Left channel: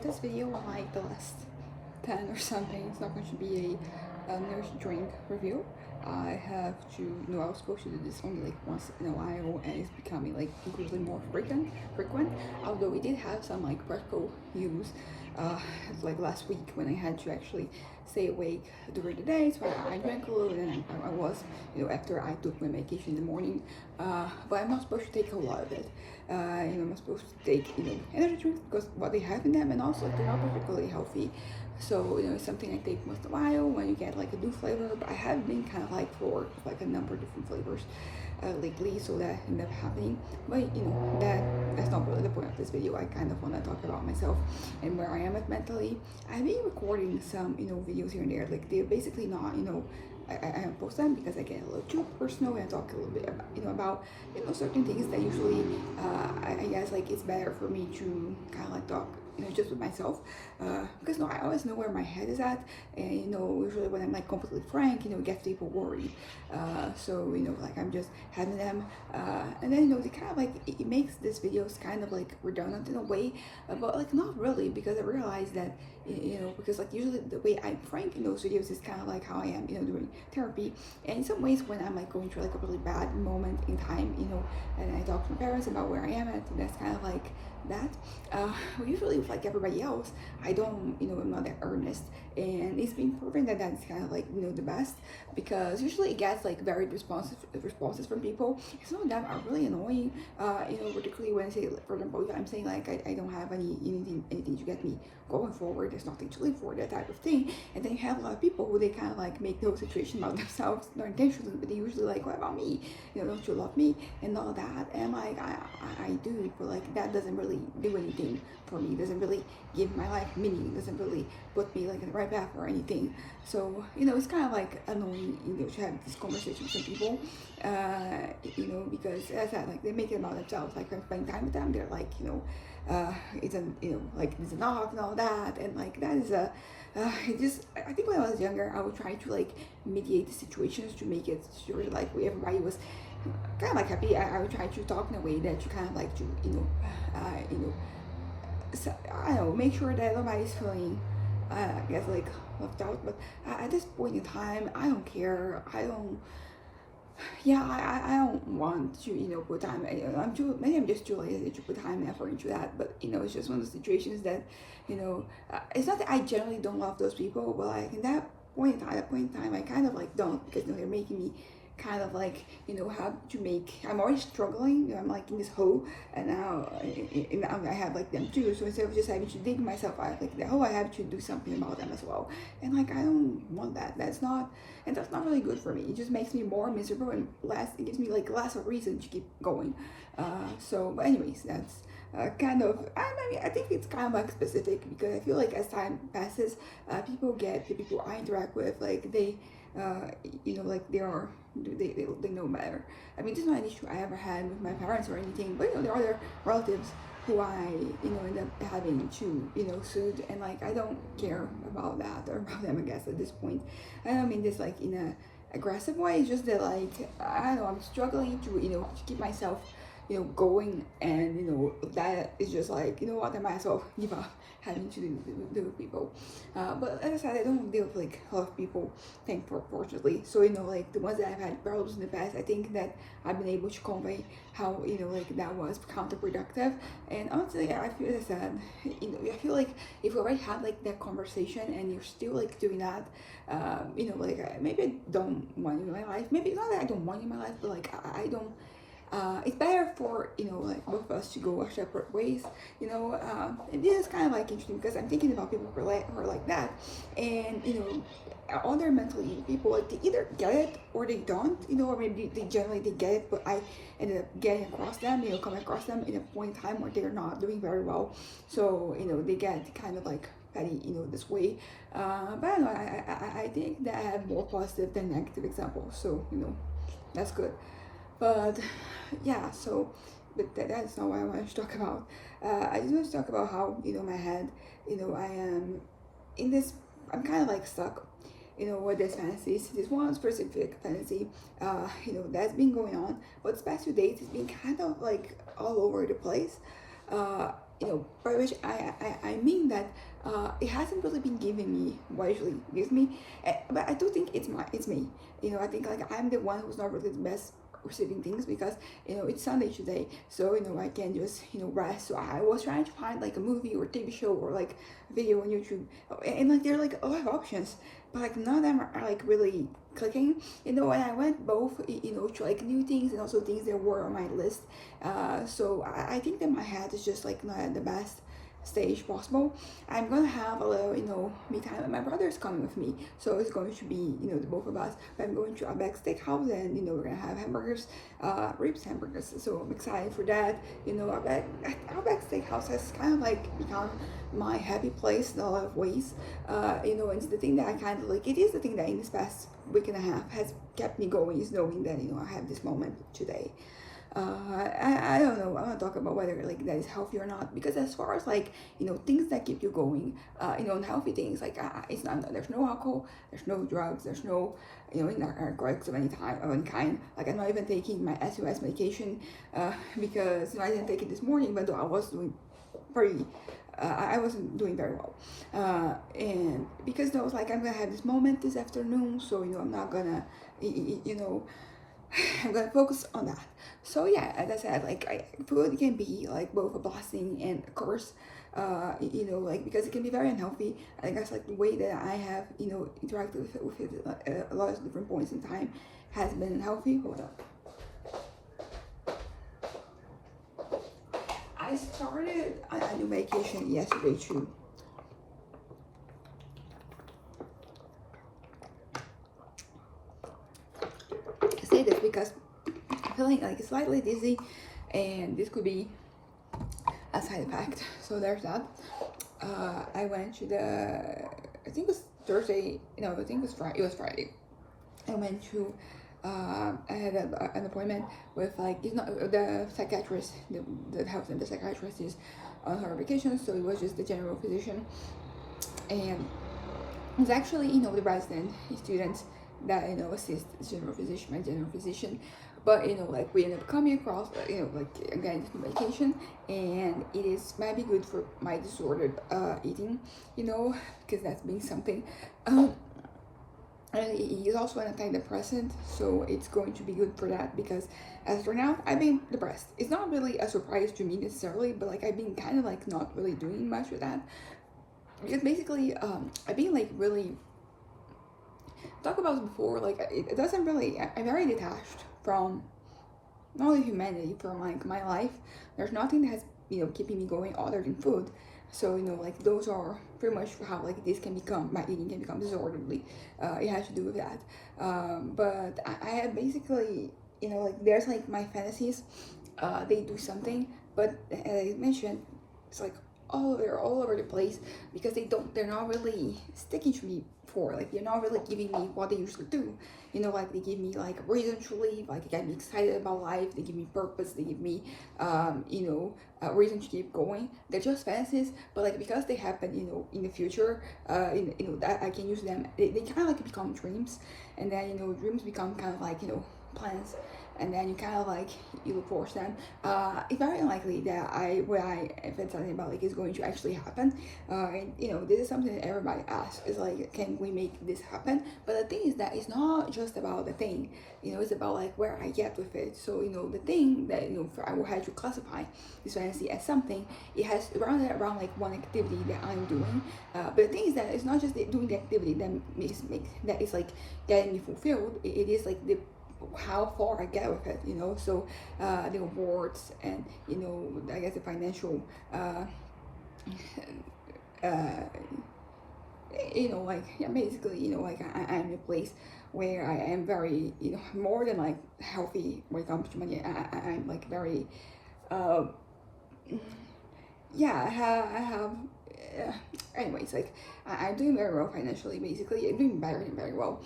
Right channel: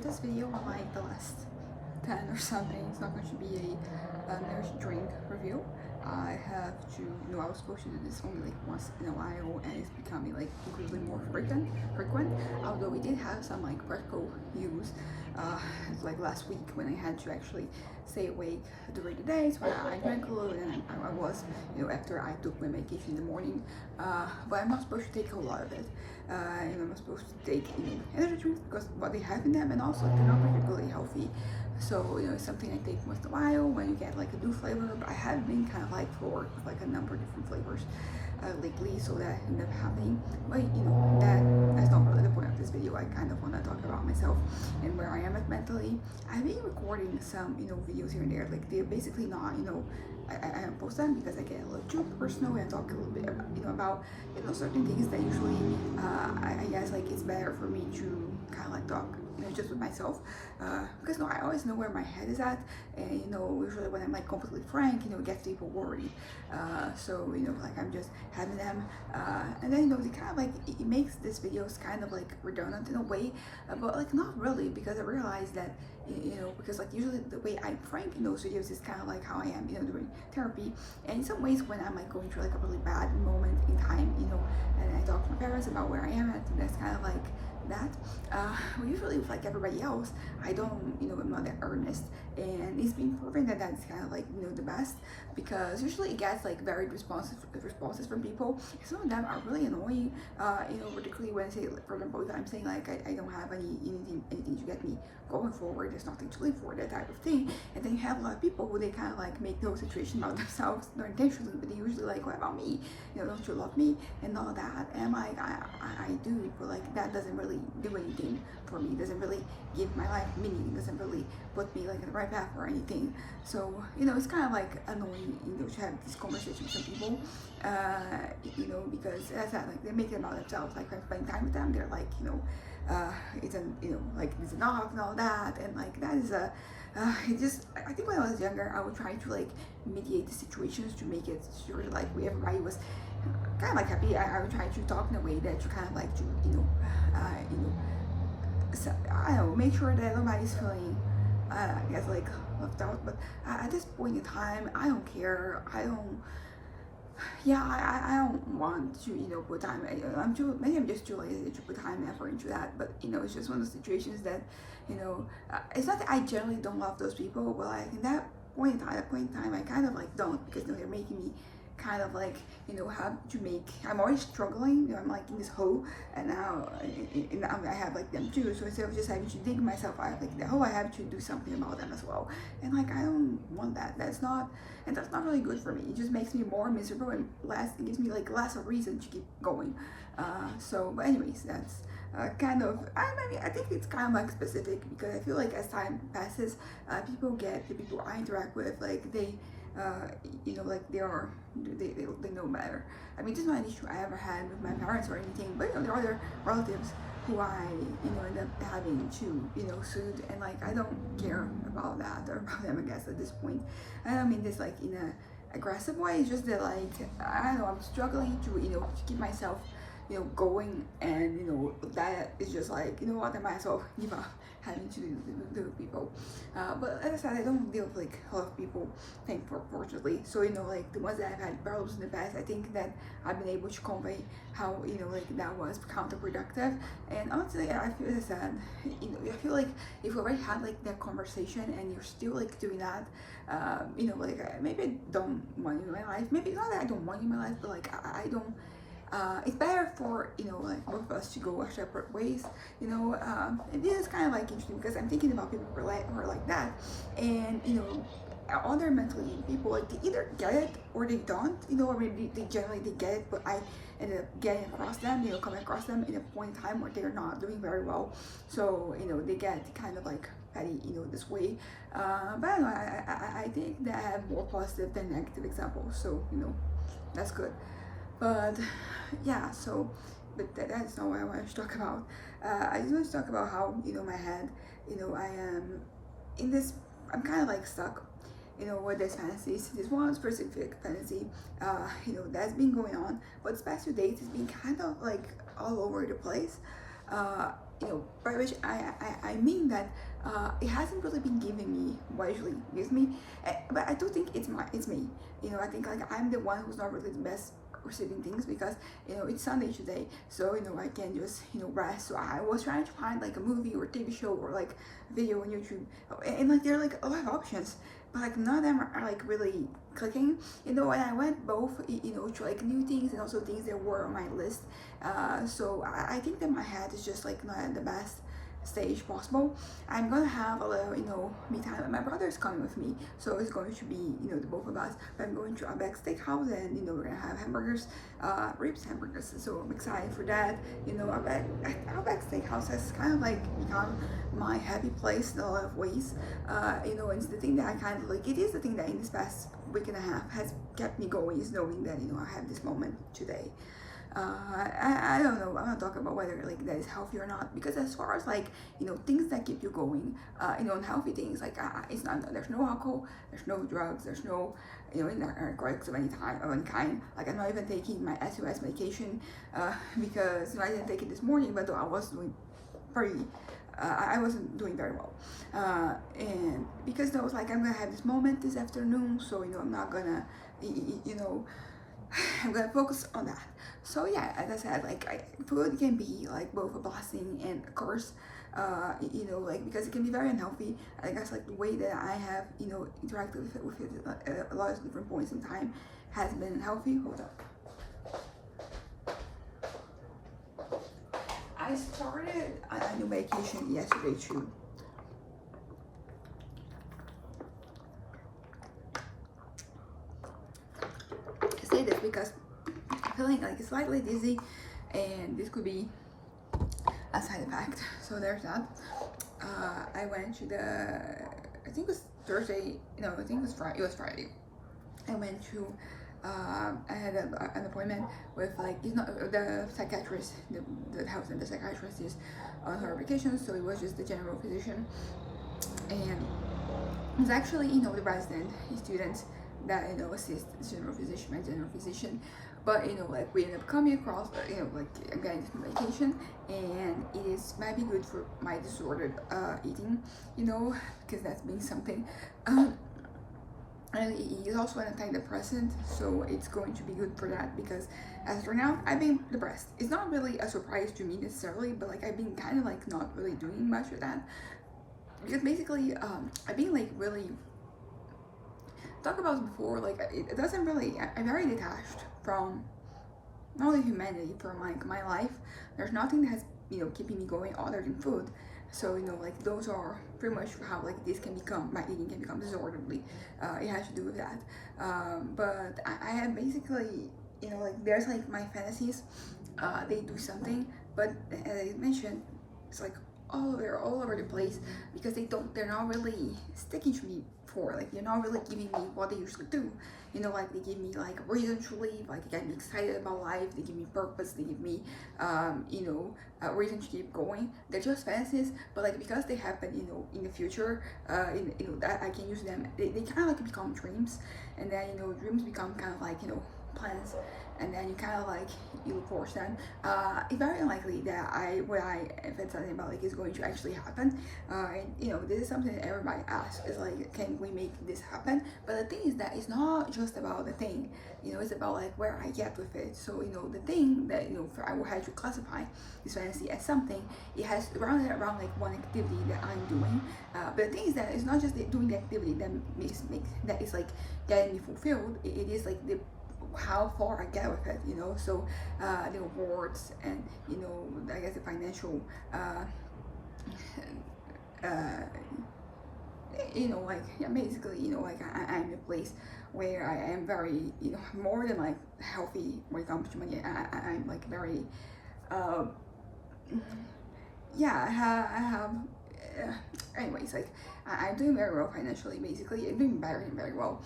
this video, like the last 10 or something, it's not going to be a nurse drink review. I have to, I was supposed to do this only like once in a while, and it's becoming like increasingly more frequent. Although we did have some like practical use, like last week when I had to actually stay awake during the day, so I drank a little, and I was, after I took my medication in the morning. But I'm not supposed to take a lot of it. I'm not supposed to take, energy drinks because what they have in them, and also they're not particularly healthy. So, it's something I take once in a while when you get like a new flavor, but I have been kind of like for like a number of different flavors lately, so that ended up happening. But, that's not really the point of this video. I kind of want to talk about myself and where I am at mentally. I've been recording some, videos here and there. Like, they're basically not, I don't post them because I get a little too personal and I talk a little bit about, about certain things that usually, I guess, like, it's better for me to kind of like talk, just with myself, because I always know where my head is at, and usually when I'm like completely frank, it gets people worried. So like I'm just having them, and then they kind of like it makes this videos kind of like redundant in a way, but like not really, because I realized that because like usually the way I'm frank in those videos is kind of like how I am during therapy, and in some ways when I'm like going through like a really bad moment in time, and I talk to my parents about where I am at, and that's kind of like that. Usually with like everybody else, I don't, I'm not that earnest, and it's been proven that that's kind of like the best, because usually it gets like very responses from people. Some of them are really annoying, particularly when I say, like, for example, if I'm saying like I don't have anything to get me going forward, there's nothing to live for, that type of thing, and then you have a lot of people who they kind of like make no situation about themselves, no intentions, but they usually like, what about me, don't you love me and all that, and like I do, but like that doesn't really do anything for me, doesn't really give my life meaning, doesn't really put me like in the right path or anything. So it's kind of like annoying, to have this conversation with some people, because as I said, like they make it about themselves. Like when I'm spending time with them, they're like, it's an, like it's enough and all that, and like that is a it just, I think when I was younger, I would try to like mediate the situations to make it sure like everybody was kind of like happy. I would try to talk in a way that you kind of like to so, I don't know, make sure that everybody's feeling, I guess, like left out. But at this point in time, I don't care. I don't. Yeah, I don't want to put time. Maybe I'm just too lazy to put time and effort into that. But it's just one of the situations that it's not that I generally don't love those people, but like in that point in time, I kind of like don't, because they're making me kind of like how to make, I'm always struggling, I'm like in this hole, and now I have like them too, so instead of just having to dig myself out like the hole, I have to do something about them as well, and like I don't want that. That's not really good for me. It just makes me more miserable, and it gives me like less of a reason to keep going. But anyways, that's kind of, I think it's kind of like specific, because I feel like as time passes, the people I interact with, like they like they know better. I mean, this is not an issue I ever had with my parents or anything, but there are other relatives who I end up having to soothe, and like I don't care about that or about them, I guess, at this point. I don't mean this like in a aggressive way. It's just that like I don't know, I'm struggling to to keep myself going, and that is just like, what, I might as well give up having to do with people. But as I said, I don't deal with like a lot of people, fortunately. So like the ones that I've had problems in the past, I think that I've been able to convey how like that was counterproductive. And honestly, I feel, as I said, I feel like if we already had like that conversation and you're still like doing that, like maybe I don't want you in my life. Maybe not that I don't want you in my life, but like I don't. It's better for like both of us to go our separate ways. And this is kind of like interesting, because I'm thinking about people who are like that, and other mentally ill people, like they either get it or they don't, or maybe they generally they get it, but I ended up getting across them, coming across them in a point in time where they're not doing very well, so they get kind of like petty this way. But I don't know, I think that I have more positive than negative examples, so that's good. But yeah, so that's not what I wanted to talk about. I just want to talk about how my head, I am in this, I'm kind of like stuck with this fantasies, this one specific fantasy, that's been going on. But the past 2 days, it's been kind of like all over the place. by which I mean that it hasn't really been giving me what it usually gives me. But I do think it's me. I think like I'm the one who's not really the best receiving things, because it's Sunday today, so I can just rest. So I was trying to find like a movie or TV show or like video on YouTube, and like there are like a lot of options, but like none of them are like really clicking. And I went both to like new things and also things that were on my list. So I think that my head is just like not at the best stage possible. I'm gonna have a little me time, and my brother is coming with me, so it's going to be the both of us. But I'm going to Outback Steakhouse, and we're gonna have hamburgers, ribs hamburgers, so I'm excited for that. Outback Steakhouse has kind of like become my happy place in a lot of ways. It's the thing that I kind of like. It is the thing that in this past week and a half has kept me going, is knowing that I have this moment today. I don't know. I'm gonna talk about whether like that is healthy or not, because as far as like things that keep you going, unhealthy things, like it's not, there's no alcohol, there's no drugs, there's no narcotics of any kind. Like I'm not even taking my SOS medication because I didn't take it this morning, even though I was doing pretty. I wasn't doing very well, and because I was like, I'm gonna have this moment this afternoon, so I'm not gonna I'm gonna focus on that. So yeah, as I said, like food can be like both a blessing and a curse. Like because it can be very unhealthy. I guess like the way that I have interacted with it at a lot of different points in time has been unhealthy. Hold up. I started a new medication yesterday too. I say this because I'm feeling like slightly dizzy, and this could be a side effect. So there's that. I went to I think it was Thursday. No, I think it was Friday. It was Friday. I went to. I had an appointment with like the psychiatrist. The health and the psychiatrist is on her vacation, so it was just the general physician, and it's actually the resident students that assist my general physician. But like we ended up coming across like again this medication, and might be good for my disordered eating, because that's been something. And it is also an antidepressant, so it's going to be good for that, because as for now I've been depressed. It's not really a surprise to me necessarily, but like I've been kind of like not really doing much with that, because basically I've been like really talk about it before, like it doesn't really, I'm very detached from not only humanity, from like my life. There's nothing that has keeping me going other than food. So like those are pretty much how like this can become, my eating can become disorderly. It has to do with that. But I have basically like there's like my fantasies, they do something, but as I mentioned, it's like all over the place, because they're not really sticking to me for, like they're not really giving me what they usually do. Like they give me like a reason to live, like they get me excited about life, they give me purpose, they give me a reason to keep going. They're just fantasies, but like because they happen in the future, that I can use them. They kind of like become dreams, and then dreams become kind of like plans, and then you kind of like you force them. It's very unlikely that what I fantasize about like is going to actually happen. And this is something that everybody asks, is like, can we make this happen? But the thing is that it's not just about the thing. It's about like where I get with it. So the thing that I will have to classify this fantasy as something. It has around like one activity that I'm doing. But the thing is that it's not just doing the activity that makes that is like getting me fulfilled. It is like the how far I get with it, so the rewards, and I guess the financial like yeah, basically like I'm in a place where I am very more than like healthy when it comes to money. I'm like very yeah, I have anyways, like I'm doing very well financially. Basically I'm doing very well,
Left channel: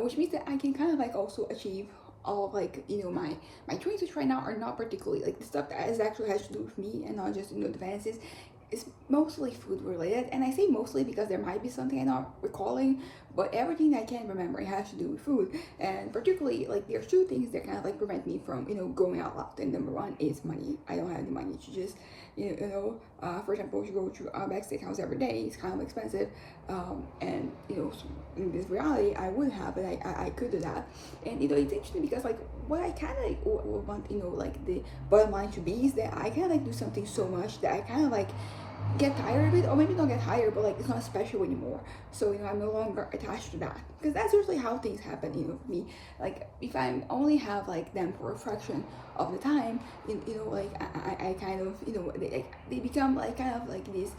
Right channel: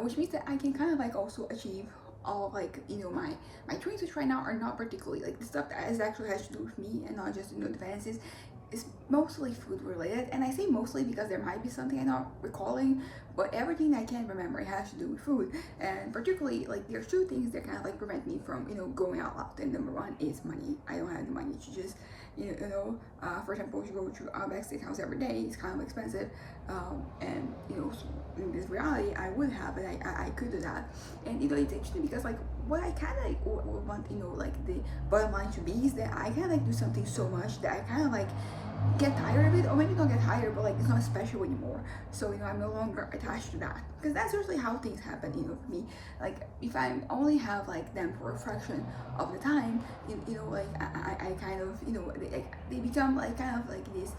which means that I can kind of like also achieve all of like my dreams, which right now are not particularly like the stuff that actually has to do with me, and not just the fantasies. It's mostly food related, and I say mostly because there might be something I'm not recalling, but everything I can remember it has to do with food. And particularly, like, there's two things that kind of like prevent me from, going out loud. And number one is money. I don't have the money to just, for example, if you go to Outback Steakhouse every day, it's kind of expensive. And in this reality, I would have, and I could do that. And it's interesting because like what I kind of want, like the bottom line to be is that I kind of like do something so much that I kind of like get tired of it, or maybe not get tired, but like it's not special anymore. So I'm no longer attached to that, because that's usually how things happen, for me. Like if I only have like them for a fraction of the time, like I kind of, they become like kind of like this,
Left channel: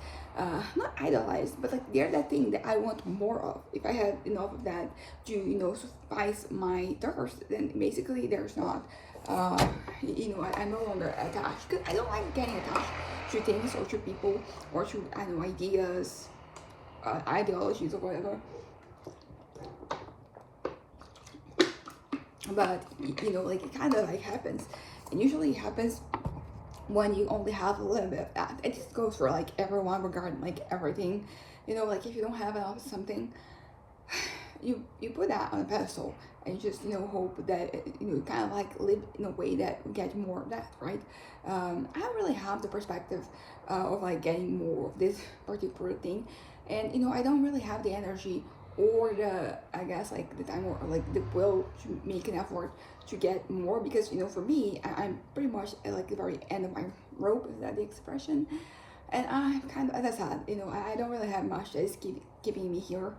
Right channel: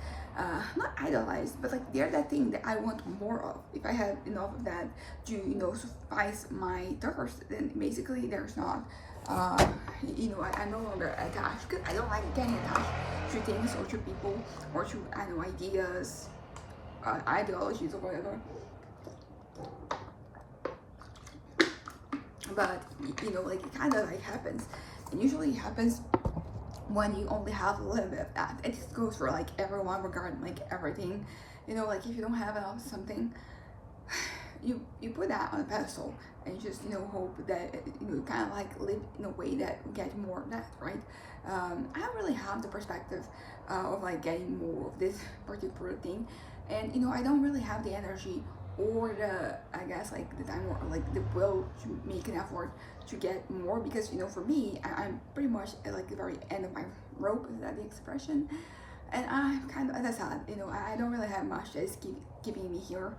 not idolized, but like they're that thing that I want more of. If I have enough of that to suffice my thirst, then basically there's not, I'm no longer attached, because I don't like getting attached to things or to people or to, ideas, ideologies or whatever. But like it kind of like happens, and usually it happens when you only have a little bit of that. It just goes for like everyone regarding like everything. Like if you don't have enough of something, you put that on a pedestal and you just hope that you kind of like live in a way that you get more of that, right? I don't really have the perspective of like getting more of this particular thing, and I don't really have the energy or the, I guess, like the time or like the will to make an effort to get more, because for me, I'm pretty much at like the very end of my rope, is that the expression? And I'm kind of, as I said, I don't really have much that is keeping me here,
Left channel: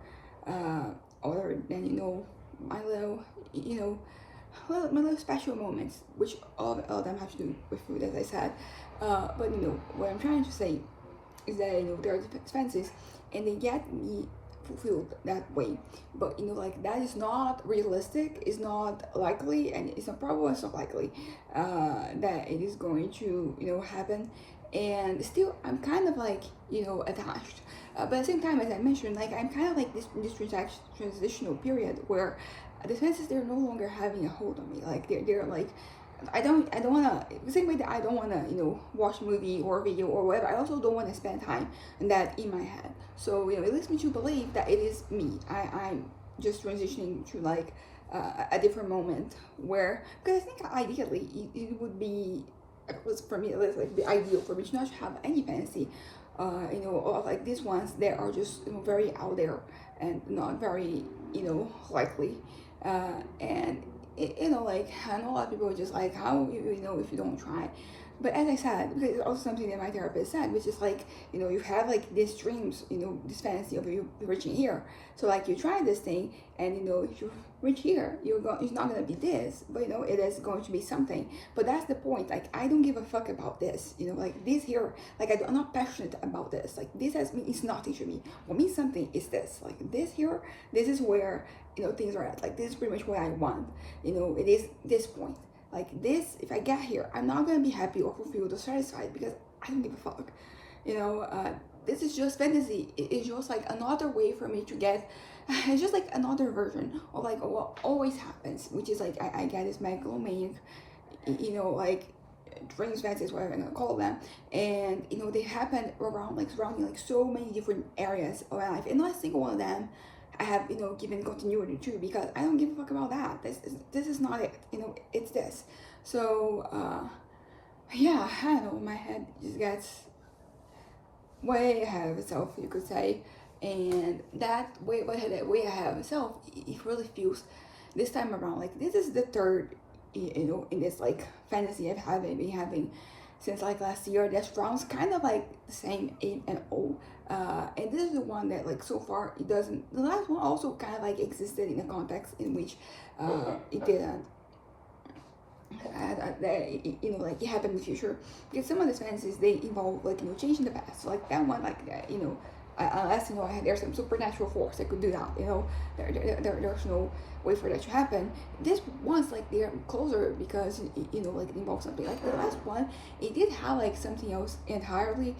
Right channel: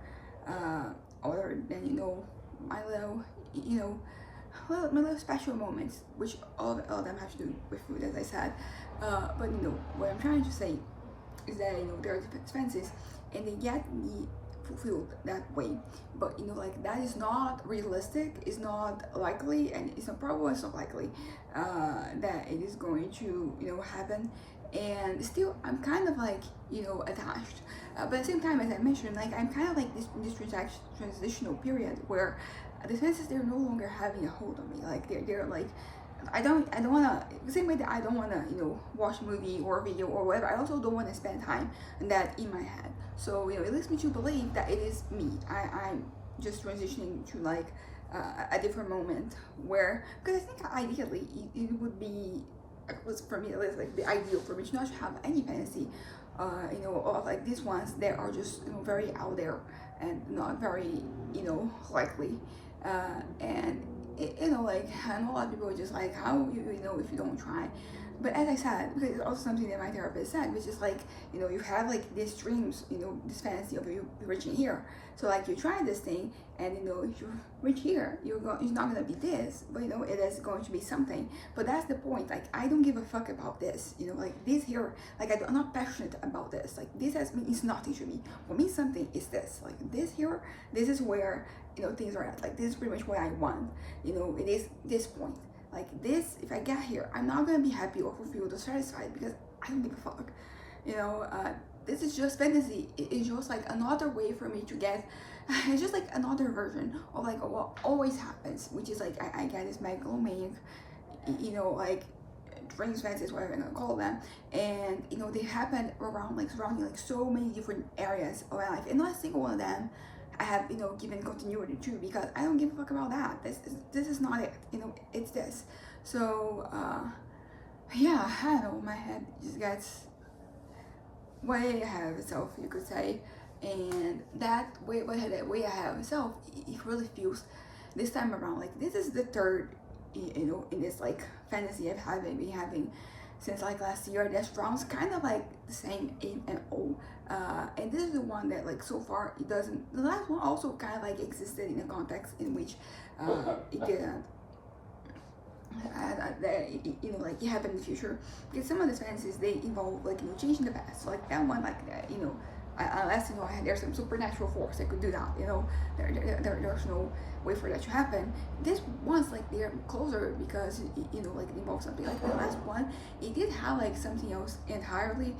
other than my little, my little special moments, which all of them have to do with food, as I said. But what I'm trying to say is that there are expenses, and they get me fulfilled that way. But like that is not realistic, it's not likely, and it's not probable, it's not likely that it is going to happen. And still I'm kind of like attached, but at the same time, as I mentioned, like I'm kind of like this transitional period where the senses, they're no longer having a hold on me. Like they're like, I don't want to, the same way that I don't want to watch a movie or a video or whatever, I also don't want to spend time on that in my head. So it leads me to believe that it is me. I'm just transitioning to like a different moment, where, because I think ideally it would be, it was for me, it was like the ideal for me to not have any fantasy of like these ones that are just very out there and not very likely, and like I know a lot of people are just like, how if you don't try. But as I said, because it's also something that my therapist said, which is like, you have like these dreams, this fantasy of you reaching here. So like you try this thing, and if you reach here, it's not gonna be this, but it is going to be something. But that's the point. Like I don't give a fuck about this, like this here. Like I'm not passionate about this. Like this means nothing to me. What means something is this. Like this here, this is where things are at. Like this is pretty much what I want. It is this point. Like this, if I get here, I'm not gonna be happy or fulfilled or satisfied, because I don't give a fuck. This is just fantasy. It's just like another way for me to get, it's just like another version of like what always happens, which is like I get this megalomaniac, like dreams, fantasies, whatever I'm gonna call them, and they happen around like surrounding like so many different areas of my life, and not a single one of them I have given continuity to, because I don't give a fuck about that. This is not it. It's this. So yeah, I don't know, my head just gets way ahead of itself, you could say, and that way ahead of itself, it really feels this time around like this is the third in this like fantasy I've been having since like last year. That rounds kind of like the same in and O, and this is the one that like so far it doesn't. The last one also kind of like existed in a context in which it didn't. Like it happened in the future, because some of the fantasies, they involve like changing the past. So, like that one, like unless there's some supernatural force that could do that. There's no way for that to happen. This one's like they're closer because like it involves something. Like the last one, it did have like something else entirely.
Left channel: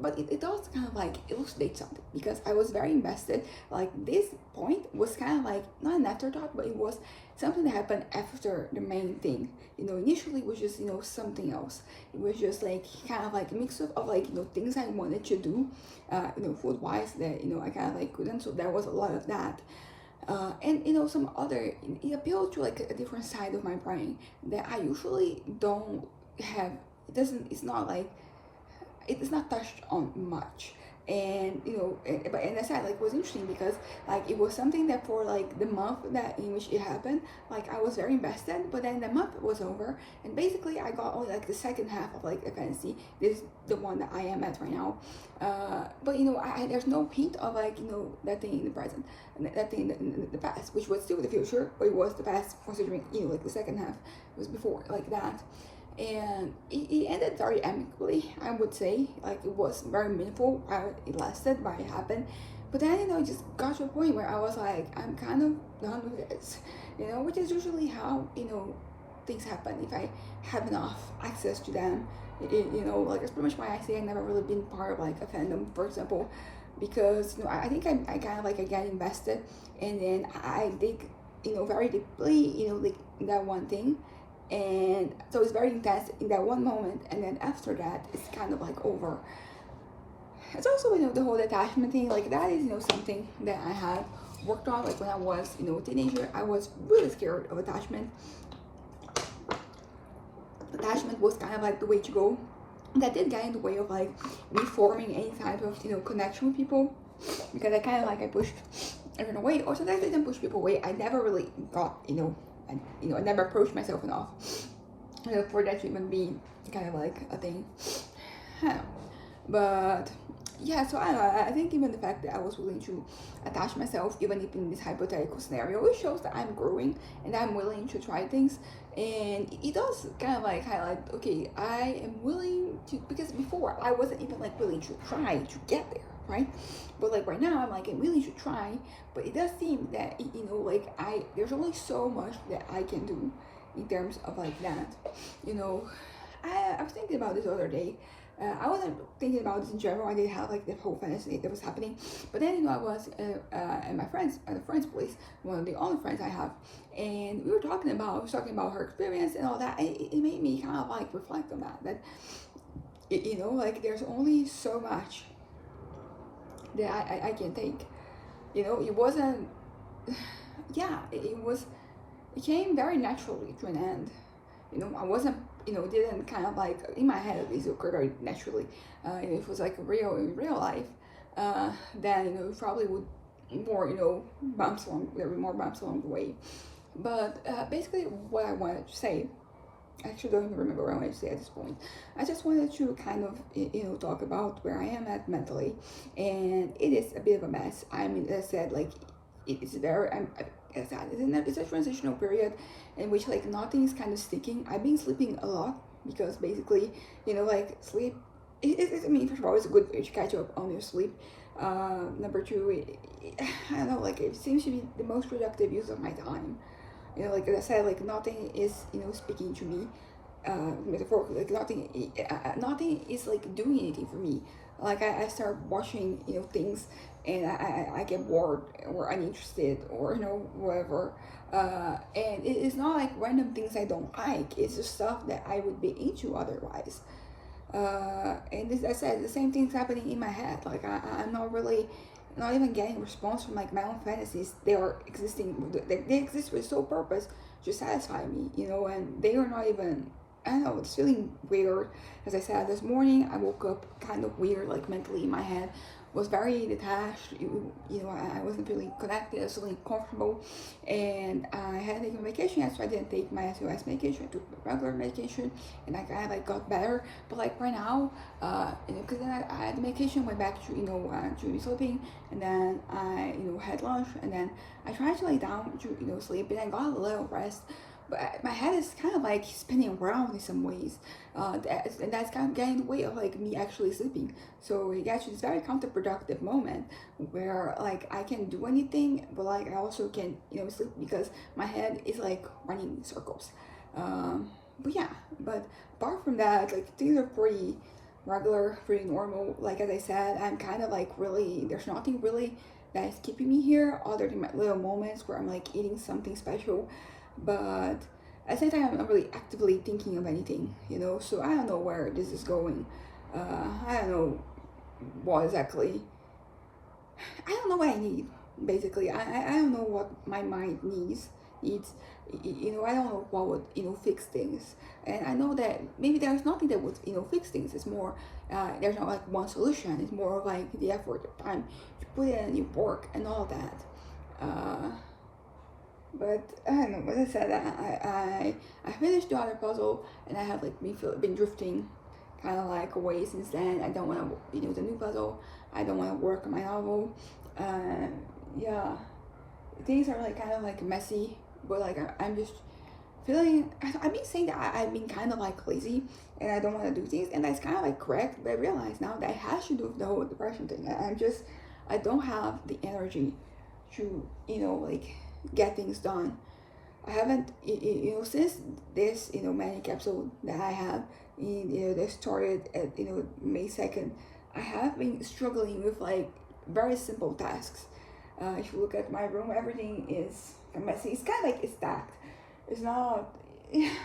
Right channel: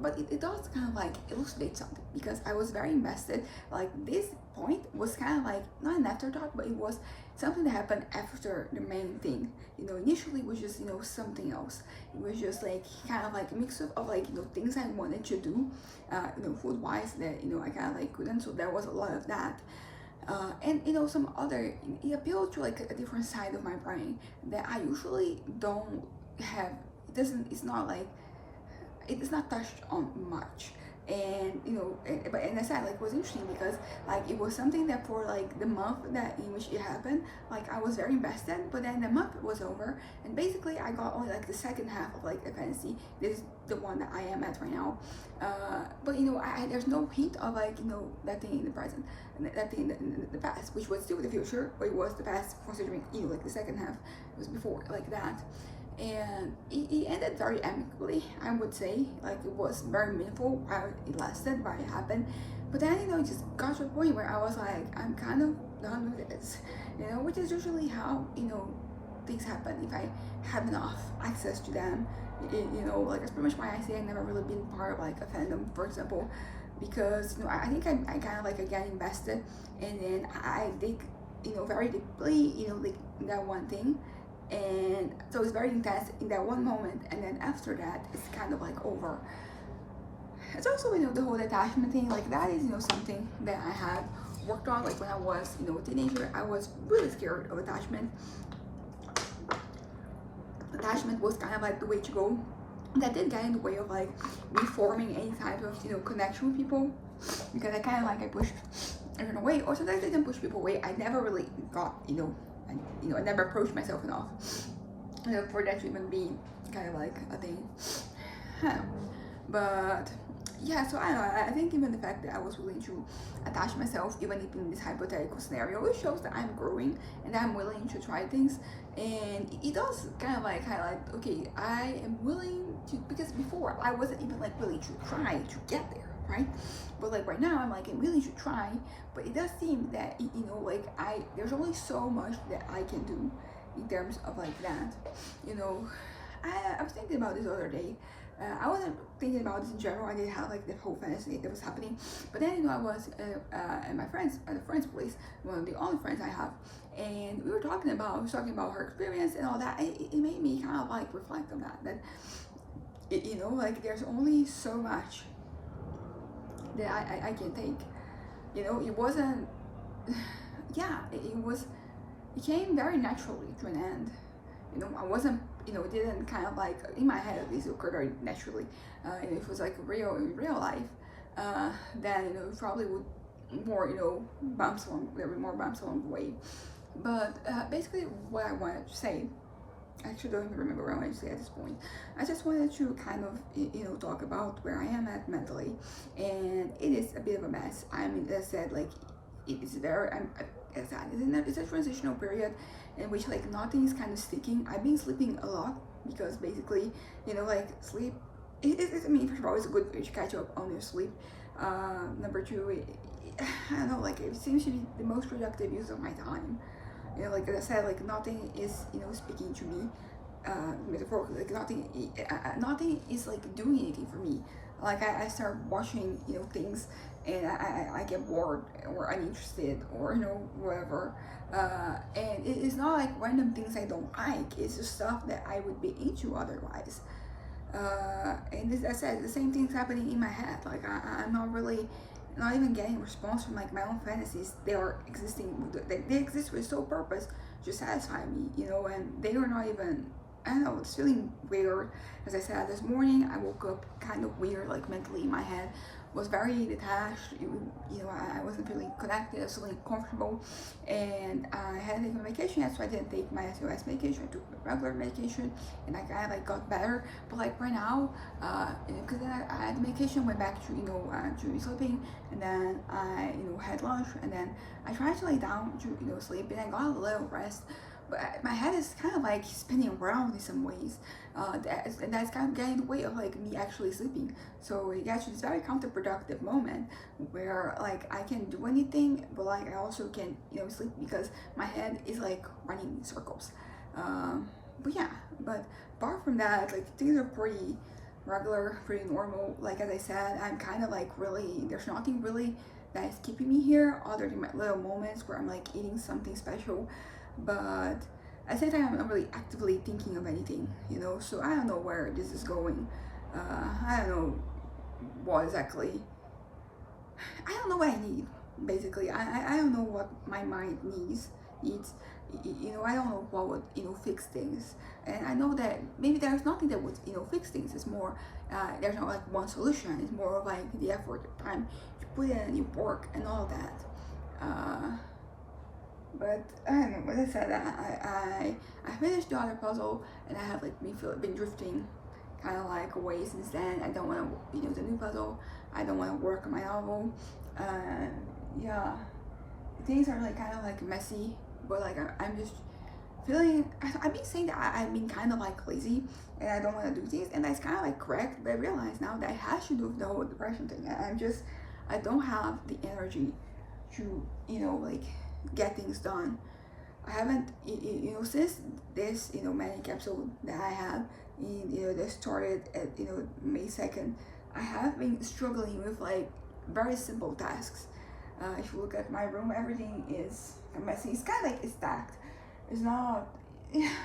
But it does kind of like illustrate something, because I was very invested. Like this point was kind of like not an afterthought, but it was something that happened after the main thing. Initially it was just, something else. It was just like kind of like a mix of like, things I wanted to do, food wise, that, I kind of like couldn't. So there was a lot of that. And some other, it appealed to like a different side of my brain that I usually don't have. It's not like, it's not touched on much. And and I said, like, it was interesting because like it was something that for like the month that in which it happened, like I was very invested. But then the month was over, and basically I got only like the second half of like a fantasy. This is the one that I am at right now. But there's no hint of like that thing in the present, and that thing in the past, which was still the future, but it was the past, considering like the second half was before, like that. And it ended very amicably, I would say. Like, it was very meaningful while it lasted, while it happened. But then it just got to a point where I was like, I'm kind of done with this, which is usually how things happen if I have enough access to them. Like, that's pretty much why I say I've never really been part of like a fandom, for example, because I think I kind of like, I get invested, and then I dig very deeply like that one thing. And so it's very intense in that one moment, and then after that it's kind of like over. It's also the whole attachment thing, like that is something that I had worked on. Like when I was a teenager, I was really scared of attachment. Attachment was kind of like the way to go. That did get in the way of like me forming any type of connection with people, because I kind of like, I pushed everyone away, or sometimes I didn't push people away. I never really got I never approached myself enough for that to even be kind of like a thing. I don't know. But yeah, so I don't know. I think even the fact that I was willing to attach myself, even if in this hypothetical scenario, it shows that I'm growing and I'm willing to try things. And it does kind of like highlight, okay, I am willing to, because before I wasn't even like willing to try to get there, right? But like right now, I'm like, I'm willing to try. But it does seem that like there's only so much that I can do in terms of like that. I was thinking about this the other day. I wasn't thinking about this in general. I didn't have like the whole fantasy that was happening. But then I was at my friend's place, one of the only friends I have, and we were talking about her experience and all that. It made me kind of like reflect on that like there's only so much that I can take. It wasn't, yeah, it came very naturally to an end. I wasn't, it didn't kind of like, in my head at least, it occurred very naturally. If it was like in real life, then, it probably would more, there were more bumps along the way. But basically what I wanted to say, I actually don't even remember what I wanted to say at this point. I just wanted to kind of, talk about where I am at mentally, and it is a bit of a mess. I mean, as I said, like, it's very, it's a transitional period in which like nothing is kind of sticking. I've been sleeping a lot because basically, like sleep, I mean, first of all, it's a good way to catch up on your sleep. Number two, I don't know, like it seems to be the most productive use of my time. Like I said, like nothing is, speaking to me, metaphorically, like nothing is like doing anything for me. Like I start watching, things, and I get bored or uninterested or, whatever. And it is not like random things I don't like. It's just stuff that I would be into otherwise. And this, I said, the same thing's happening in my head. Like I'm not even getting a response from like my own fantasies. They are existing, they exist with sole purpose to satisfy me, and they are not even, I don't know, it's feeling weird. As I said, this morning I woke up kind of weird, like mentally in my head, was very detached. I wasn't feeling connected, I was feeling comfortable, and I hadn't taken medication yet, so I didn't take my SOS medication. I took regular medication, and I kind of like got better. But like right now, because then I had the medication, went back to to sleeping, and then I had lunch, and then I tried to lay down to sleep, and I got a little rest. But my head is kind of like spinning around in some ways, and that's kind of getting in the way of like me actually sleeping. So it gets to this very counterproductive moment where like I can do anything, but like I also can sleep because my head is like running in circles. But yeah, but apart from that, like things are pretty regular, pretty normal. Like as I said, I'm kind of like really, there's nothing really that is keeping me here other than my little moments where I'm like eating something special. but at the same time, I'm not really actively thinking of anything, you know. So I don't know where this is going. I don't know what exactly. I don't know what I need. Basically, I don't know what my mind needs. You know, I don't know what would, you know, fix things. And I know that maybe there's nothing that would, you know, fix things. It's more, there's not like one solution. It's more of like the effort, the time you put in, and you work and all that. But I don't know. As I said, I finished the other puzzle, and I have like been drifting, kind of like away since then. I don't want to, you know, the new puzzle. I don't want to work on my novel. Yeah, things are like kind of like messy, but like I'm just feeling. I've been saying that I've been kind of like lazy, and I don't want to do things, and that's kind of like correct. But I realize now that has to do with the whole depression thing. I don't have the energy to, you know, like get things done. I haven't, you know, since this, you know, manic episode that I have, you know, that started at, you know, May 2nd, I have been struggling with like very simple tasks. If you look at my room, everything is messy. It's kind of like it's stacked. It's not,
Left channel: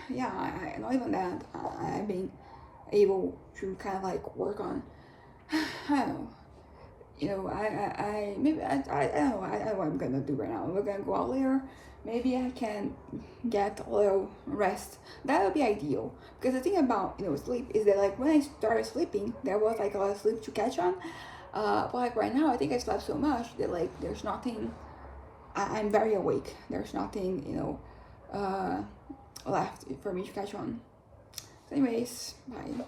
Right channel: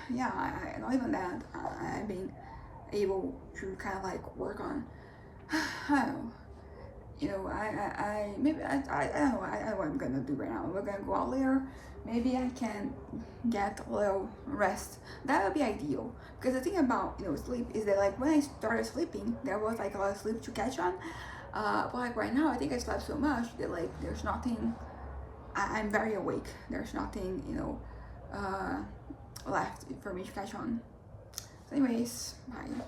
yeah, not even that. I've been able to kind of like work on, I don't know, you know, maybe I don't know, I don't know what I'm gonna do right now. We're gonna go out later. Maybe I can get a little rest. That would be ideal. Because the thing about, you know, sleep is that like when I started sleeping, there was like a lot of sleep to catch on. But like right now, I think I slept so much that like there's nothing. I'm very awake. There's nothing, you know, left for me to catch on. So anyways, bye.